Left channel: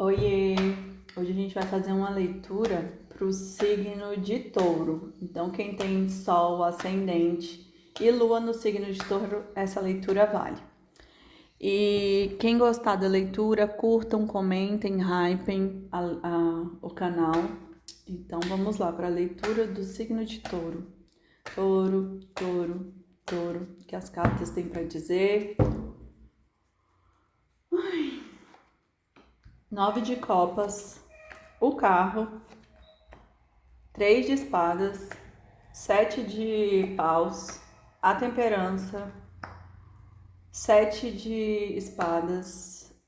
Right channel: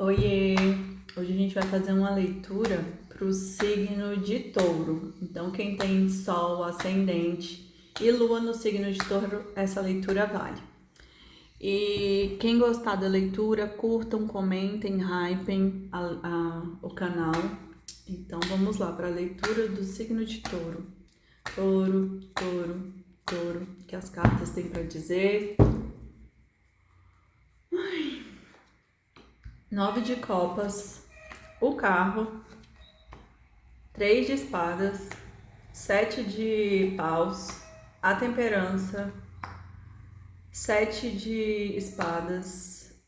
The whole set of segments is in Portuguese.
Oiê! Hoje a gente vai fazer uma leitura para o signo de Touro. Então, quem tem Sol, Ascendente e Lua no signo de Touro, essa leitura vale. E quem gostar da leitura, curtam, comentem, hypem o canal. Então, vamos lá para a leitura do signo de Touro. Touro, Touro, Touro, que as cartas têm para dizer. 9 de copas, o carro, 3 de espadas, 7 de paus, a temperança, 7 de espadas,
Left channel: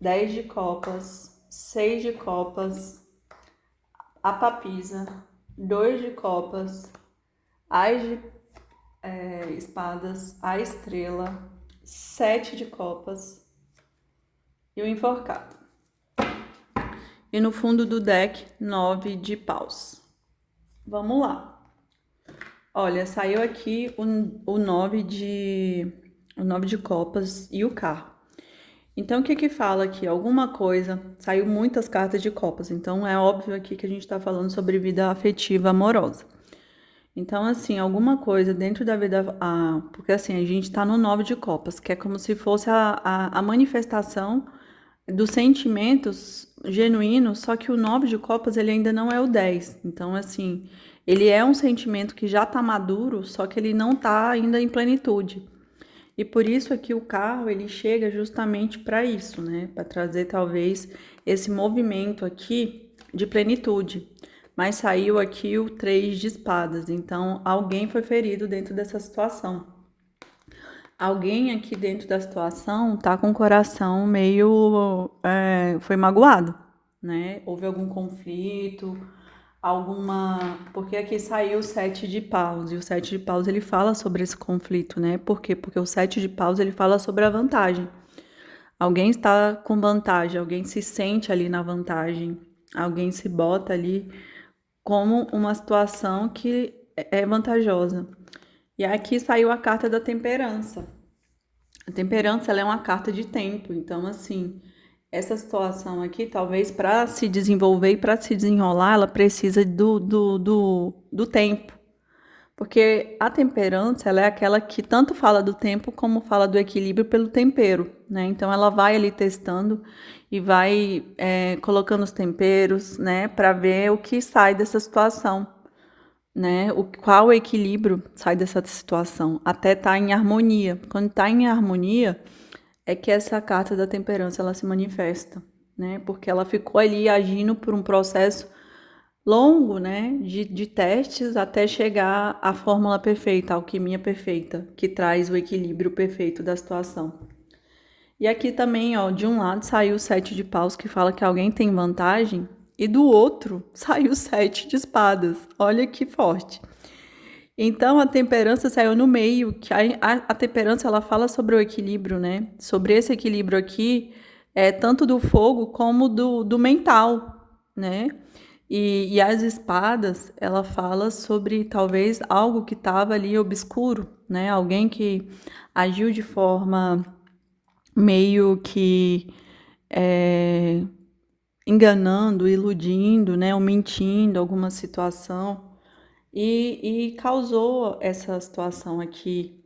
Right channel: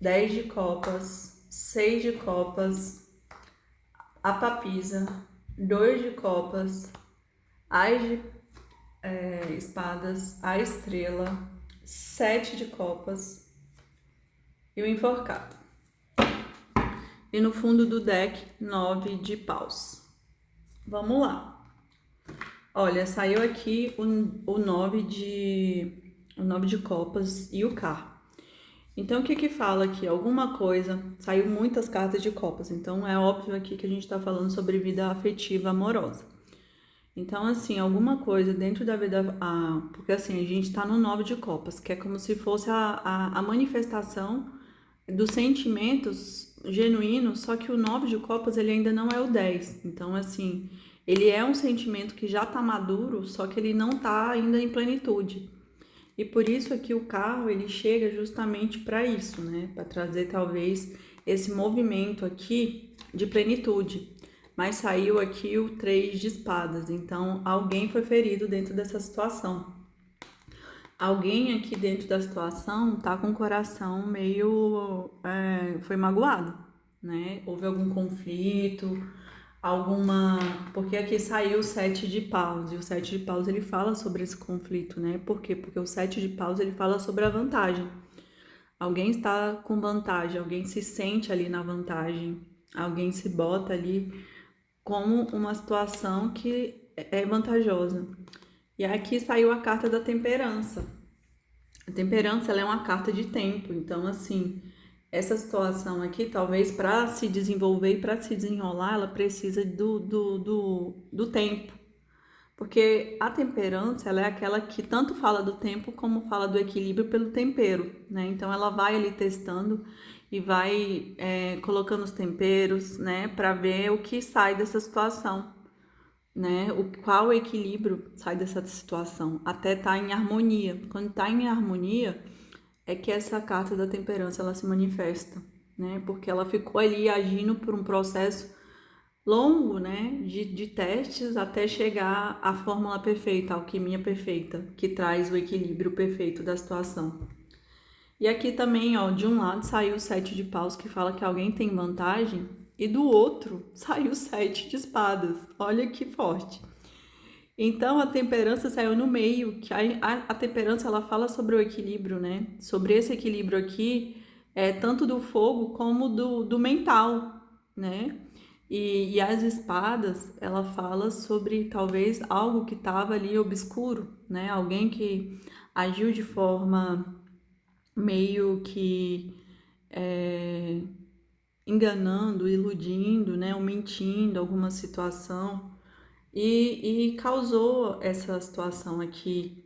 10 de copas, 6 de copas, a papisa, 2 de copas, as de espadas, a estrela, 7 de copas e o enforcado. E no fundo do deck, 9 de paus. Vamos lá. Olha, saiu aqui o 9 de copas e o carro. Então, o que fala aqui? Alguma coisa, saiu muitas cartas de copas, então é óbvio aqui que a gente tá falando sobre vida afetiva amorosa. Então, assim, alguma coisa dentro da vida, porque assim, a gente tá no 9 de copas, que é como se fosse a manifestação dos sentimentos genuínos, só que o 9 de copas ele ainda não é o 10. Então, assim, ele é um sentimento que já tá maduro, só que ele não tá ainda em plenitude. E por isso aqui o carro ele chega justamente para isso, né? Para trazer talvez esse movimento aqui de plenitude. Mas saiu aqui o 3 de espadas, então alguém foi ferido dentro dessa situação. Alguém aqui dentro da situação tá com o coração meio foi magoado, né? Houve algum conflito, alguma. Porque aqui saiu o 7 de paus, e o 7 de paus ele fala sobre esse conflito, né? Por quê? Porque o 7 de paus ele fala sobre a vantagem. Alguém está com vantagem, alguém se sente ali na vantagem, alguém se bota ali como uma situação que é vantajosa. E aqui saiu a carta da temperança. A temperança ela é uma carta de tempo, então assim, essa situação aqui, talvez para se desenvolver e para se desenrolar, ela precisa do tempo. Porque a temperança, ela é aquela que tanto fala do tempo como fala do equilíbrio pelo tempero, né? Então ela vai ali testando e vai colocando os temperos, né, para ver o que sai dessa situação, né? Qual o equilíbrio sai dessa situação, até estar em harmonia. Quando está em harmonia, é que essa carta da temperança ela se manifesta, né? Porque ela ficou ali agindo por um processo longo, né? De testes até chegar à fórmula perfeita, a alquimia perfeita, que traz o equilíbrio perfeito da situação. E aqui também, ó, de um lado saiu o 7 de paus, que fala que alguém tem vantagem, e do outro saiu o 7 de espadas. Olha que forte. Então a temperança saiu no meio, que a temperança ela fala sobre o equilíbrio, né? Sobre esse equilíbrio aqui, tanto do fogo como do mental, né? E as espadas, ela fala sobre talvez algo que estava ali obscuro, né? Alguém que agiu de forma meio que é, enganando, iludindo, né? Ou mentindo alguma situação e causou essa situação aqui,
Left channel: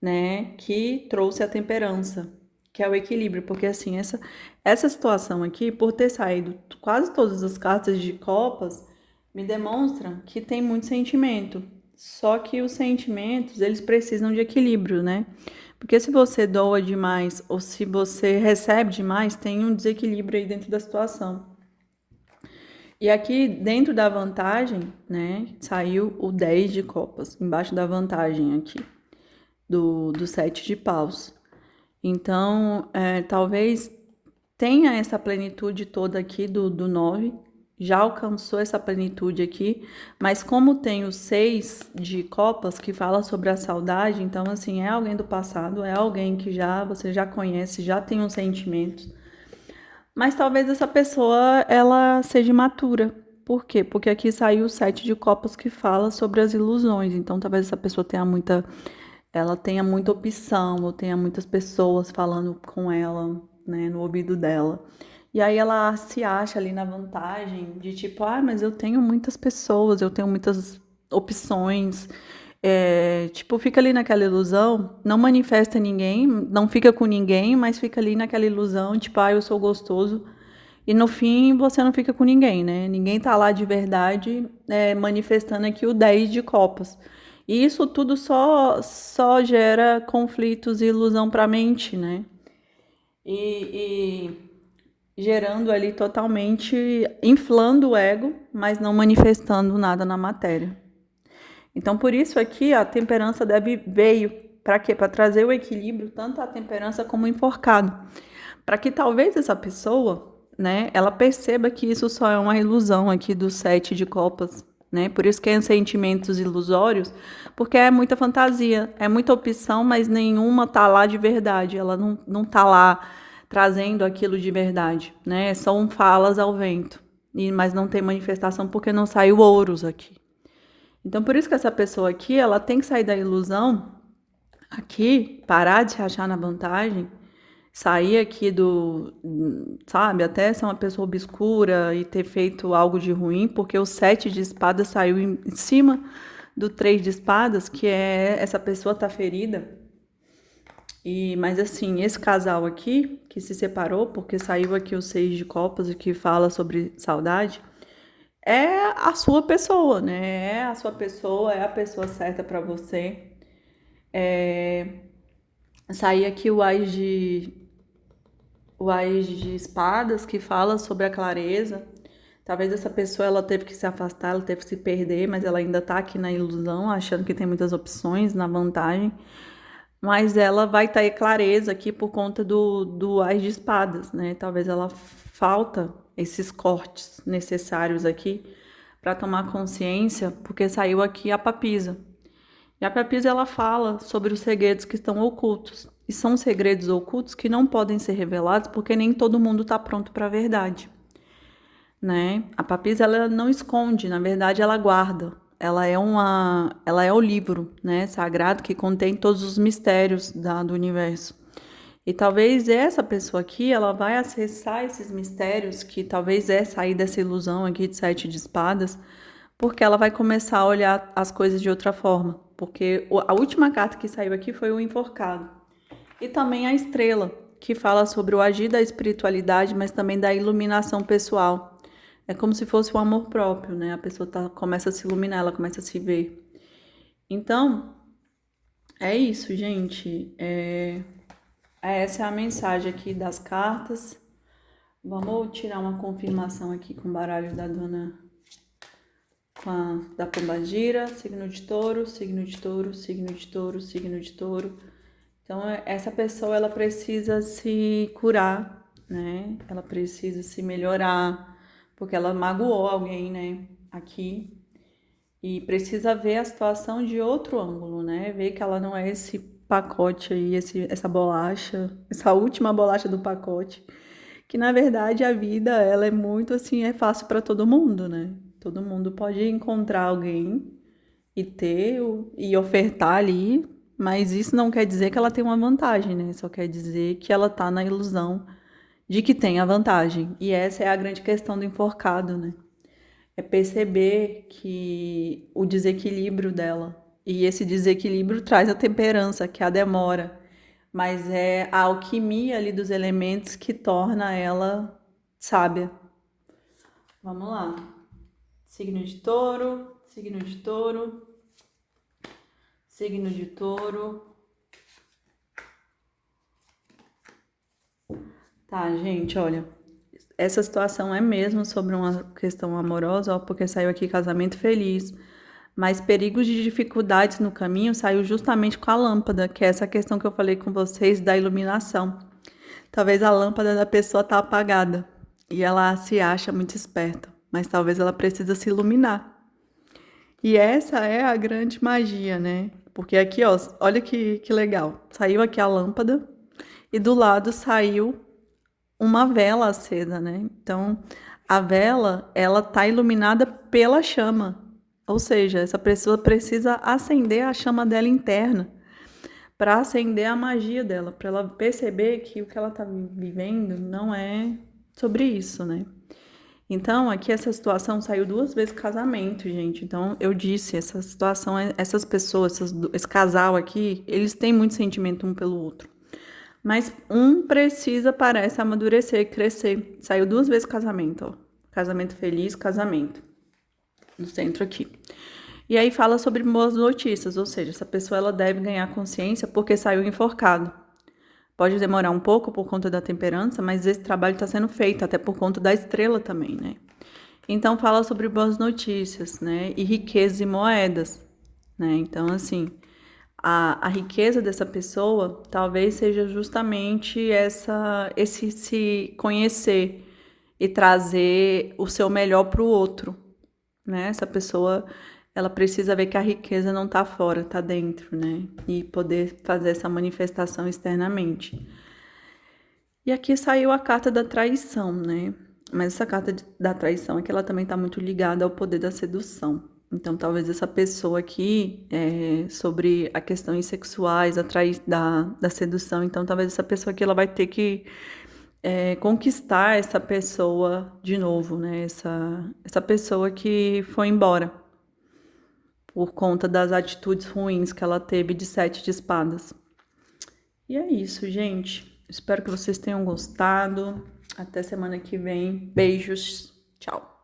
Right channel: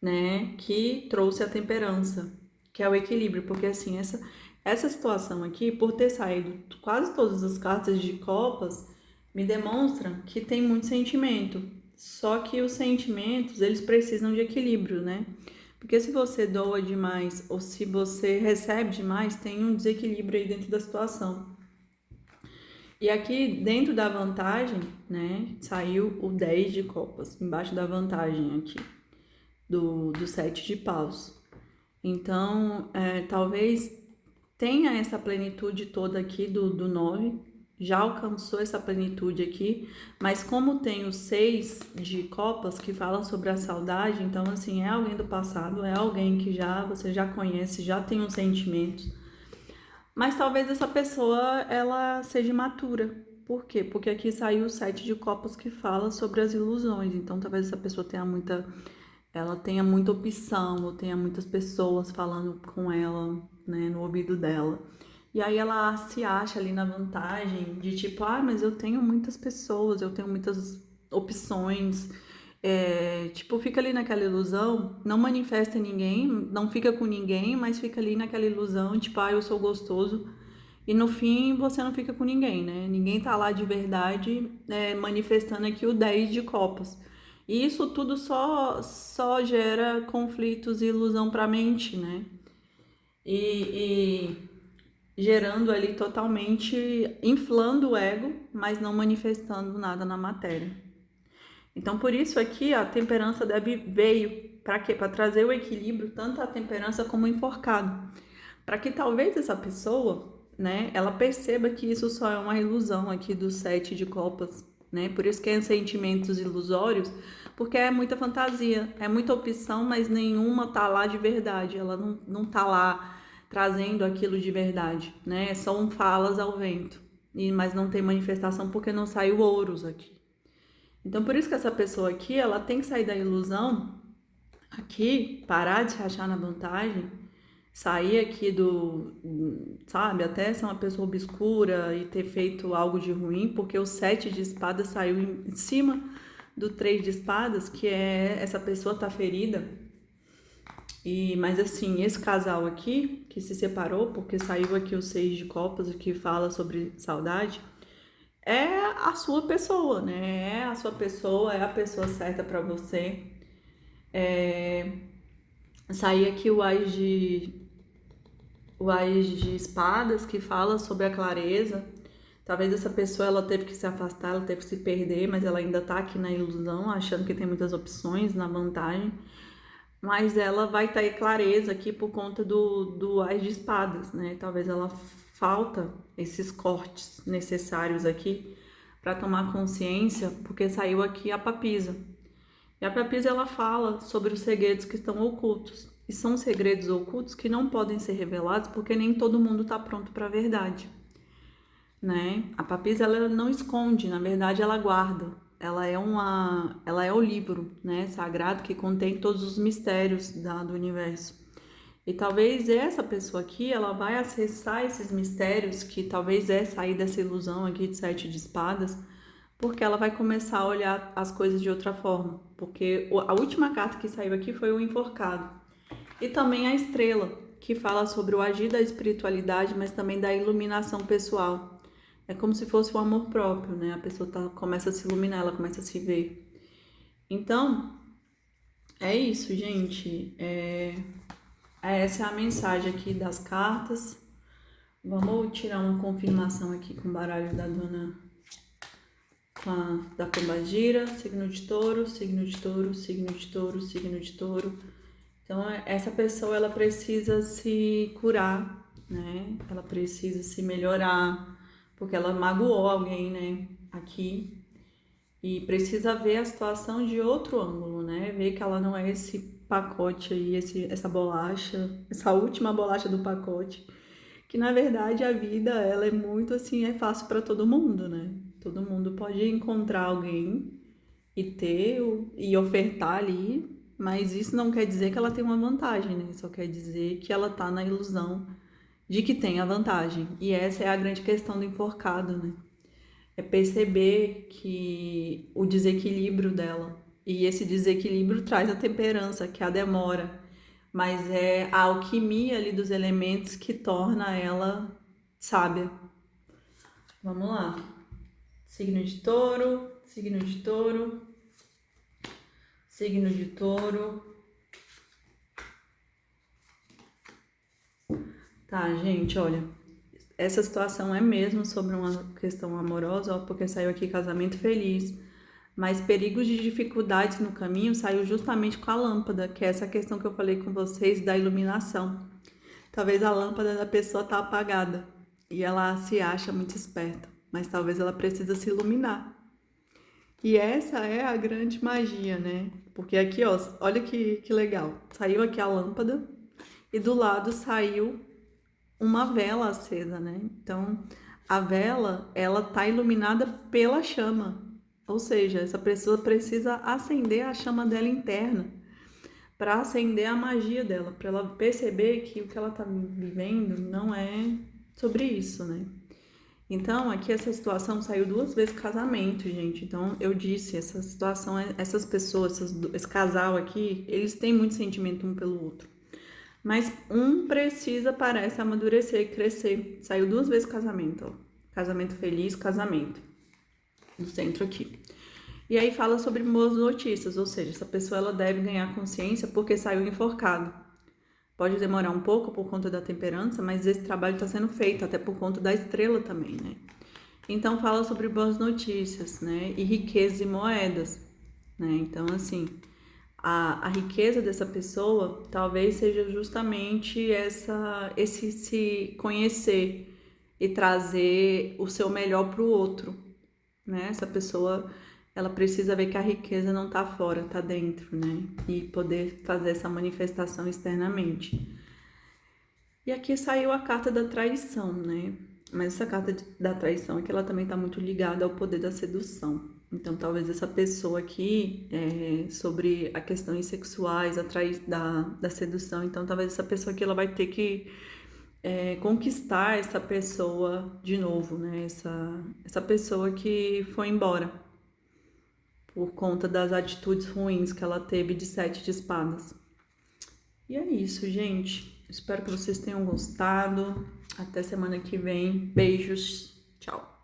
né, que trouxe a temperança, que é o equilíbrio, porque assim, essa situação aqui, por ter saído quase todas as cartas de copas, me demonstram que tem muito sentimento, só que os sentimentos, eles precisam de equilíbrio, né? Porque se você doa demais ou se você recebe demais, tem um desequilíbrio aí dentro da situação. E aqui dentro da vantagem, né, saiu o 10 de copas, embaixo da vantagem aqui, do 7 de paus. Então, talvez tenha essa plenitude toda aqui do 9, já alcançou essa plenitude aqui, mas como tem o 6 de copas que fala sobre a saudade, então assim, é alguém do passado, é alguém que você já conhece, já tem um sentimento, mas talvez essa pessoa ela seja imatura. Por quê? Porque aqui saiu o 7 de copas que fala sobre as ilusões. Então talvez essa pessoa ela tenha muita opção, ou tenha muitas pessoas falando com ela, né, no ouvido dela. E aí ela se acha ali na vantagem de tipo, ah, mas eu tenho muitas pessoas, eu tenho muitas opções. Tipo, fica ali naquela ilusão, não manifesta ninguém, não fica com ninguém, mas fica ali naquela ilusão, tipo, ah, eu sou gostoso. E no fim você não fica com ninguém, né? Ninguém tá lá de verdade, manifestando aqui o 10 de copas. E isso tudo só gera conflitos e ilusão para a mente, né? E gerando ali totalmente, inflando o ego, mas não manifestando nada na matéria. Então, por isso aqui a temperança veio para quê? Para trazer o equilíbrio, tanto a temperança como o enforcado. Para que talvez essa pessoa, né, ela perceba que isso só é uma ilusão aqui do 7 de copas, né? Por isso que é sentimentos ilusórios, porque é muita fantasia, é muita opção, mas nenhuma tá lá de verdade, ela não tá lá trazendo aquilo de verdade, né? São falas ao vento, mas não tem manifestação porque não saiu ouros aqui. Então, por isso que essa pessoa aqui, ela tem que sair da ilusão aqui, parar de se achar na vantagem, sair aqui sabe, até ser uma pessoa obscura e ter feito algo de ruim, porque o 7 de espadas saiu em cima do 3 de espadas, que é essa pessoa tá ferida. Mas assim, esse casal aqui, que se separou, porque saiu aqui o 6 de copas, que fala sobre saudade, é a sua pessoa, né? É a sua pessoa, é a pessoa certa para você. Sair aqui o Ás de espadas, que fala sobre a clareza. Talvez essa pessoa ela teve que se afastar, ela teve que se perder, mas ela ainda tá aqui na ilusão, achando que tem muitas opções, na vantagem. Mas ela vai ter clareza aqui por conta do Ás de espadas, né? Talvez ela falta esses cortes necessários aqui para tomar consciência, porque saiu aqui a papisa. E a papisa ela fala sobre os segredos que estão ocultos. E são segredos ocultos que não podem ser revelados porque nem todo mundo está pronto para a verdade, né? A papisa ela não esconde, na verdade ela guarda. Ela é o livro, né, sagrado que contém todos os mistérios do universo. E talvez essa pessoa aqui, ela vai acessar esses mistérios, que talvez é sair dessa ilusão aqui de 7 de espadas, porque ela vai começar a olhar as coisas de outra forma. Porque a última carta que saiu aqui foi o enforcado. E também a estrela, que fala sobre o agir da espiritualidade, mas também da iluminação pessoal. É como se fosse o amor próprio, né? A pessoa começa a se iluminar, ela começa a se ver. Então, é isso, gente. Essa é a mensagem aqui das cartas. Vamos tirar uma confirmação aqui com o baralho da dona, da pombagira. Signo de touro, signo de touro, signo de touro, signo de touro. Então, essa pessoa, ela precisa se curar, né? Ela precisa se melhorar, porque ela magoou alguém, né? Aqui. E precisa ver a situação de outro ângulo, né? Ver que ela não é esse pacote aí, essa bolacha, essa última bolacha do pacote. Que, na verdade, a vida, ela é muito assim, é fácil para todo mundo, né? Todo mundo pode encontrar alguém e ofertar ali, mas isso não quer dizer que ela tem uma vantagem, né? Só quer dizer que ela tá na ilusão de que tem a vantagem. E essa é a grande questão do enforcado, né? É perceber que o desequilíbrio dela. E esse desequilíbrio traz a temperança, que é a demora. Mas é a alquimia ali dos elementos que torna ela sábia. Vamos lá. Signo de touro, signo de touro, signo de touro. Tá, gente, olha. Essa situação é mesmo sobre uma questão amorosa, ó, porque saiu aqui casamento feliz. Mas perigos de dificuldades no caminho saiu justamente com a lâmpada, que é essa questão que eu falei com vocês da iluminação. Talvez a lâmpada da pessoa tá apagada e ela se acha muito esperta, mas talvez ela precisa se iluminar. E essa é a grande magia, né? Porque aqui, ó, olha que legal. Saiu aqui a lâmpada e do lado saiu uma vela acesa, né? Então, a vela, ela tá iluminada pela chama. Ou seja, essa pessoa precisa acender a chama dela interna para acender a magia dela, para ela perceber que o que ela tá vivendo não é sobre isso, né? Então, aqui essa situação saiu 2 vezes casamento, gente. Então, eu disse, essa situação, essas pessoas, esse casal aqui, eles têm muito sentimento um pelo outro. Mas um precisa, parece, amadurecer, crescer. Saiu 2 vezes casamento, ó. Casamento feliz, casamento. No centro aqui. E aí fala sobre boas notícias, ou seja, essa pessoa ela deve ganhar consciência porque saiu enforcado. Pode demorar um pouco por conta da temperança, mas esse trabalho está sendo feito, até por conta da estrela também, né? Então fala sobre boas notícias, né? E riquezas e moedas, né? Então, assim, a riqueza dessa pessoa talvez seja justamente esse se conhecer e trazer o seu melhor para o outro, né? Essa pessoa, ela precisa ver que a riqueza não tá fora, tá dentro, né? E poder fazer essa manifestação externamente. E aqui saiu a carta da traição, né? Mas essa carta da traição é que ela também tá muito ligada ao poder da sedução. Então, talvez essa pessoa aqui, sobre a questões sexuais, da sedução, então talvez essa pessoa aqui ela vai ter que conquistar essa pessoa de novo, né? Essa pessoa que foi embora por conta das atitudes ruins que ela teve de 7 de espadas. E é isso, gente. Espero que vocês tenham gostado. Até semana que vem. Beijos. Tchau.